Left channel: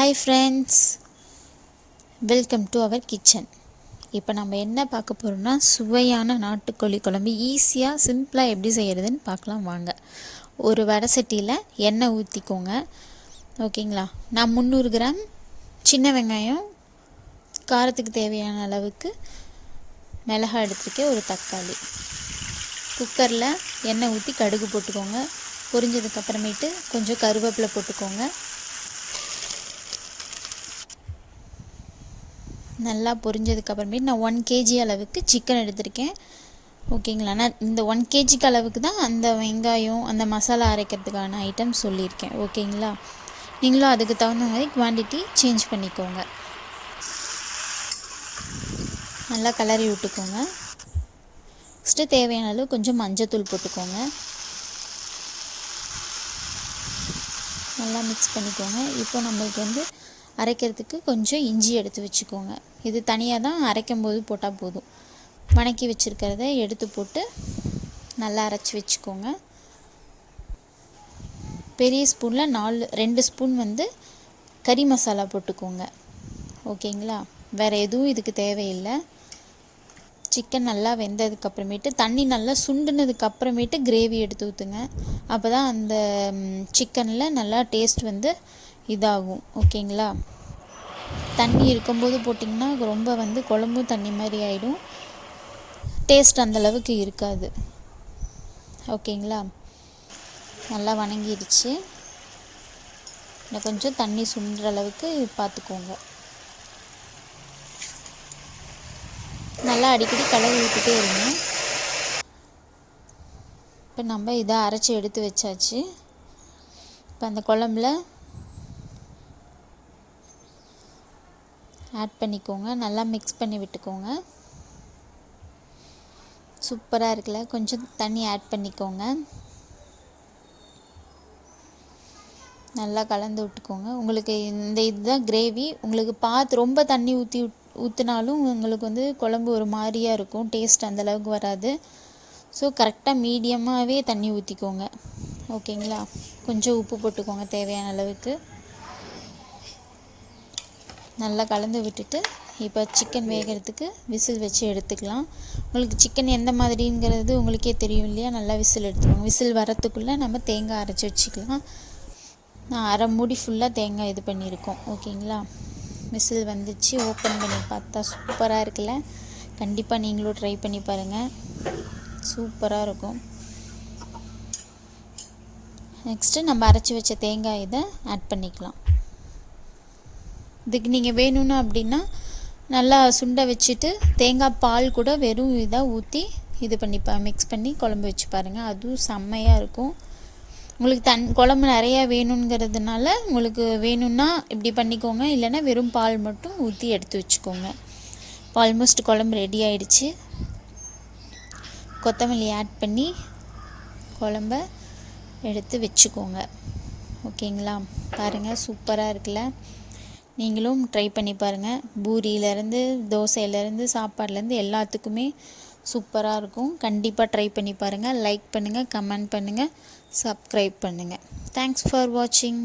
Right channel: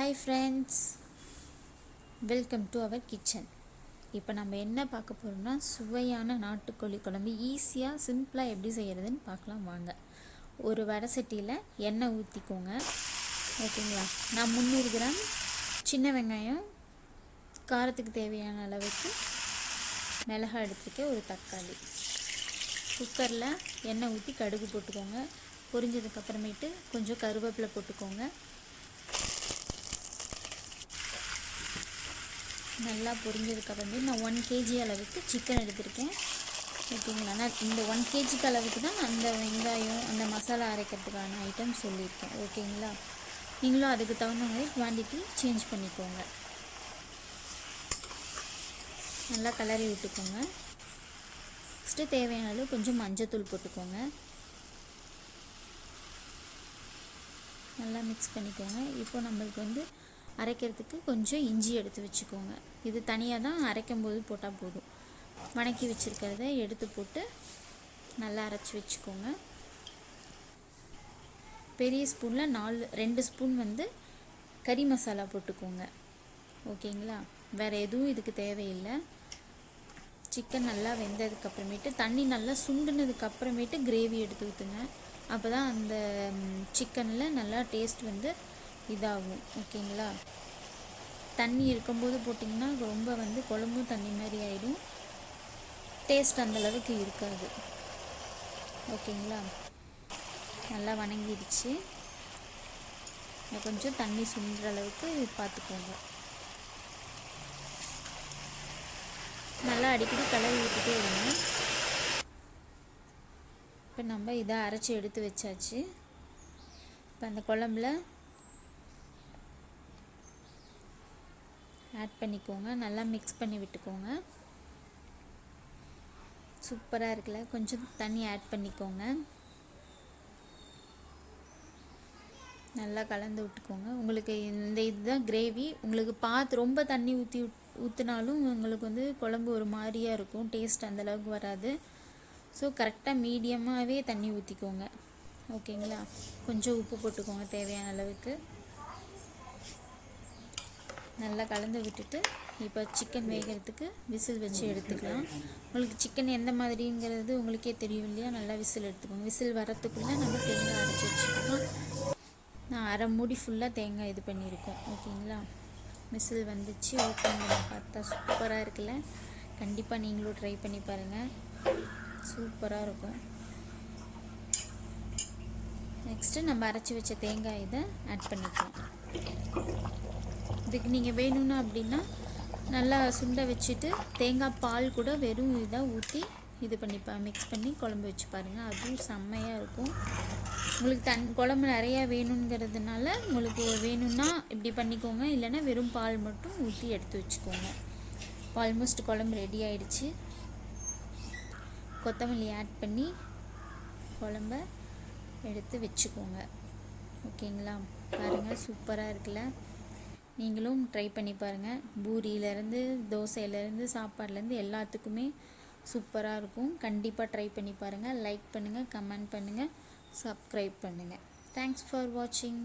Hi friends, welcome to our kitchen. இப்போ நம்ம என்ன பார்க்க போகிறோம்னா சுவையான நாட்டுக்கோழி குழம்பு ஈஸியாக சிம்பிளாக எப்படி செய்கிறதுன்னு பார்க்கலாம் வாங்க. ஒரு வடை சட்டியில் எண்ணெய் ஊற்றிக்கோங்க. ஓகேங்களா, நான் 300 கிராம் சின்ன வெங்காயம், காரத்துக்கு தேவையான அளவுக்கு மிளகாய் எடுத்துருக்கேன், ஒரு தக்காளி. குக்கரில் எண்ணெய் ஊற்றி கடுகு போட்டுக்கோங்க. பொரிஞ்சதுக்கப்புறமேட்டு கொஞ்சம் கருவேப்பிலை போட்டுக்கோங்க. நல்லா பொரிஞ்சதுக்கப்புறமேட்டு நான் 1 kg அளவுக்கு சிக்கன் எடுத்திருக்கேன். ஓகேங்களா, நான் இந்த 1 kg அளவுக்கு தான் அந்த வெங்காயம் அந்த மசாலா அரைக்கிறதுக்கான ஐட்டம் சொல்லியிருக்கேன். ஓகேங்களா, நீங்களும் அதுக்கு தகுந்த மாதிரி குவான்டிட்டி சேஞ்ச் பண்ணிக்கோங்க. நல்லா கிளறி விட்டுக்கோங்க. ஃபஸ்ட்டு தேவையான அளவு கொஞ்சம் மஞ்சத்தூள் போட்டுக்கோங்க. நல்லா மிக்ஸ் பண்ணிக்கோங்க. இப்போ நம்மளுக்கு அரைக்கிறதுக்கு கொஞ்சம் இஞ்சி எடுத்து வச்சுக்கோங்க. இது தனியாக தான் அரைக்கும் போது போட்டால் போதும். வணக்கி வச்சுருக்கிறத எடுத்து போட்டு நல்லா அரைச்சி வச்சுக்கோங்க. பெரிய ஸ்பூனில் 2 ஸ்பூன் கறி மசாலா போட்டுக்கோங்க. ஓகேங்களா, வேறு எதுவும் இதுக்கு தேவையில்லை. சிக்கன் நல்லா வெந்ததுக்கப்புறமேட்டு தண்ணி நல்லா சுண்டுனதுக்கப்புறமேட்டு கிரேவி எடுத்து ஊற்றுங்க. அப்போ தான் அந்த சிக்கனில் நல்லா டேஸ்ட் இதாகும். ஓகேங்களா, தண்ணி இருக்கும்போது போட்டிங்கன்னா ரொம்ப குழம்பும் தண்ணி மாதிரி ஆகிடும், டேஸ்ட் அந்தளவுக்கு இருக்காது. ஓகேங்களா, நல்லா வணங்கிடுச்சு. இன்னும் கொஞ்சம் தண்ணி சுண்டுற அளவுக்கு பார்த்துக்கோங்க. நல்லா அடிக்கடி கலவி விட்டுட்டே இருங்க. இப்போ நம்ம இதை அரைச்சி எடுத்து வச்சாச்சு. இப்போ அந்த குழம்புல ஆட் பண்ணிக்கோங்க. நல்லா மிக்ஸ் பண்ணி விட்டுக்கோங்க. சூப்பராக இருக்குல்ல. கொஞ்சம் தண்ணி ஆட் பண்ணிக்கோங்க. நல்லா கலந்து விட்டுக்கோங்க. உங்களுக்கு இதுதான் கிரேவி. உங்களுக்கு ரொம்ப தண்ணி ஊற்றினாலும் உங்களுக்கு குழம்பு ஒரு மாதிரியாக இருக்கும், டேஸ்ட் அந்தளவுக்கு வராது. ஸோ கரெக்டாக மீடியமாகவே தண்ணி ஊற்றிக்கோங்க. ஓகேங்களா, கொஞ்சம் உப்பு போட்டுக்கோங்க தேவையான அளவுக்கு. நல்லா கலந்து விட்டுட்டு இப்போ சிக்கன் வேகிறதுக்கு விசில் வச்சு எடுத்துக்கலாம். உங்களுக்கு சிக்கன் எந்த மாதிரிங்கிறது உங்களுக்கே தெரியும் இல்லையா. நல்லா விசில் எடுத்துக்கோங்க. விசில் வரத்துக்குள்ளே நம்ம தேங்காய் அரைச்சி வச்சுக்கலாம். நான் அரை மூடி ஃபுல்லாக தேங்காய் இது பண்ணியிருக்கோம். ஓகேங்களா, விசில் வந்துச்சு. ஓப்பன் பண்ணி பார்த்தா சூப்பராக இருக்குல்ல. கண்டிப்பாக நீங்களும் ட்ரை பண்ணி பாருங்கள், சூப்பராக இருக்கும். நெக்ஸ்ட்டு நம்ம அரைச்சி வச்ச தேங்காய் இதை ஆட் பண்ணிக்கலாம். இதுக்கு நீங்கள் வேணும்னா அப்படின்னா நல்லா சுண்டை வச்சுட்டு தேங்காய் பால் கூட வெறும் இதாக ஊற்றி இது மிக்ஸ் பண்ணி குழம்பு வச்சு பாருங்கள், அதுவும் செம்மையாக இருக்கும். உங்களுக்கு குழம்பு நிறையா வேணுங்கிறதுனால உங்களுக்கு வேணும்னா இப்படி பண்ணிக்கோங்க, இல்லைன்னா வெறும் பால் மட்டும் ஊற்றி எடுத்து வச்சுக்கோங்க. இப்போ ஆல்மோஸ்ட் குழம்பு ரெடி ஆகிடுச்சு. கொத்தமல்லி ஆட் பண்ணி குழம்ப எடுத்து வச்சுக்கோங்க. ஓகேங்களா, பாருங்கள் சூப்பராக இருக்குல்ல. நீங்களும் ட்ரை பண்ணி பாருங்கள். பூரியிலேருந்து தோசையிலேருந்து சாப்பாடுலேருந்து எல்லாத்துக்குமே சூப்பராக இருக்கும். கண்டிப்பாக ட்ரை பண்ணி பாருங்கள். லைக் பண்ணுங்கள், கமெண்ட் பண்ணுங்கள், சப்ஸ்கிரைப் பண்ணுங்கள். தேங்க்ஸ் ஃபார் வாட்சிங்.